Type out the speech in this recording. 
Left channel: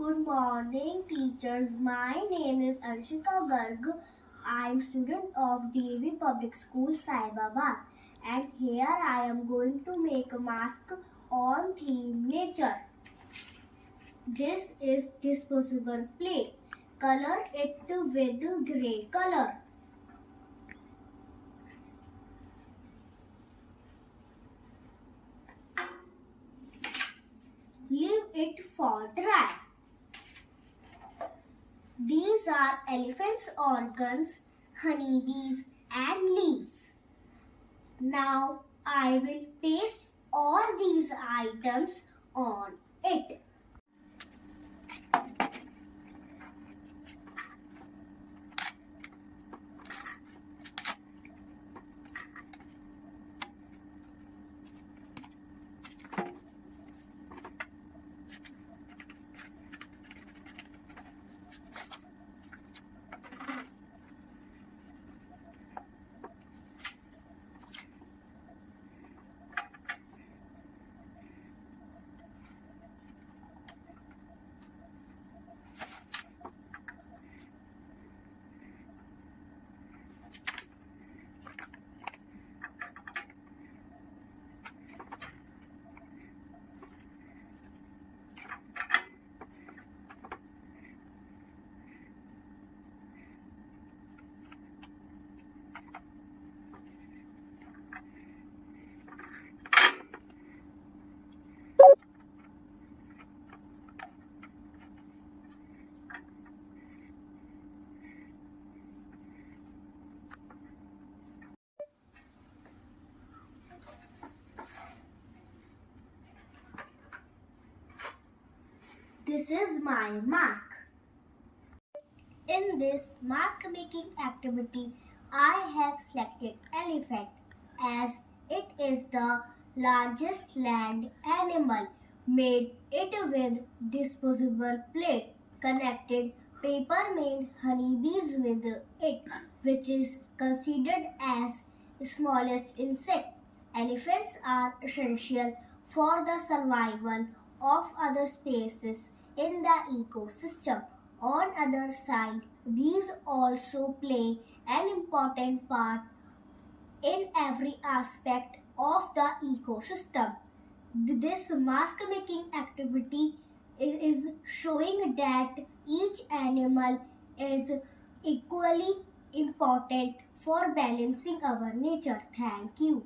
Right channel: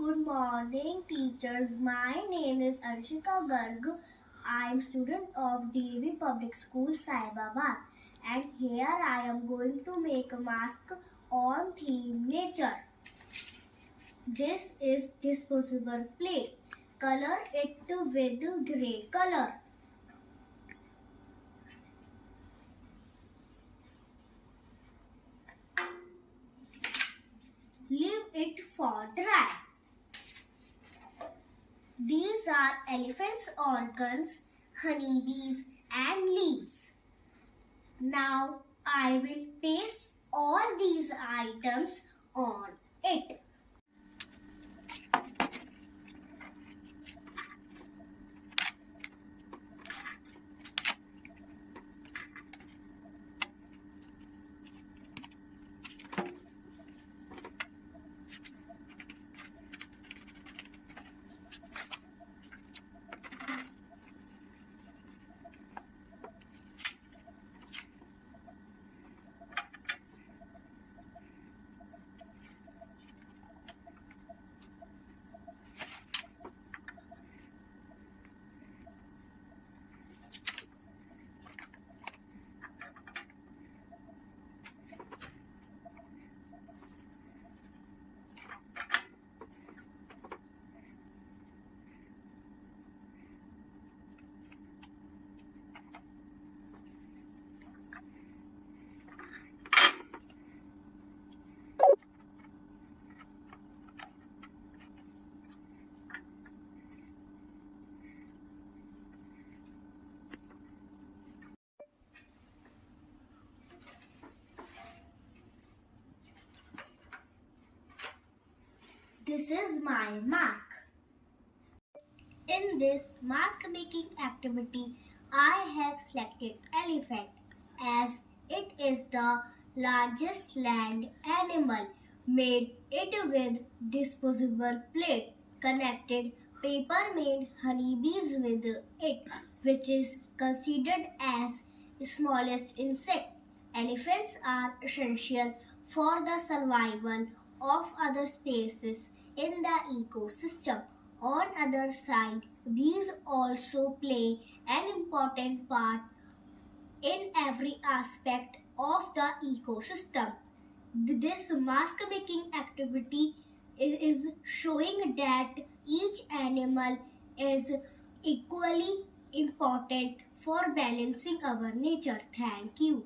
Good morning, teachers. My name is Anshika Garg. I am student of Devi Public School, Saibabad, and here I am going to make a mask on theme nature. This is disposable plate. Color it with grey color. Leave it for dry. These are elephants' organs, honeybees and leaves. Now I will paste all these items on it. This is my mask. In this mask making activity, I have selected elephant as it is the largest land animal. Made it with disposable plate. Connected paper made honeybees with it, which is considered as smallest insect. Elephants are essential for the survival of other species in the ecosystem. On other side, bees also play an important part in every aspect of the ecosystem. This mask making activity is showing that each animal is equally important for balancing our nature. Thank you.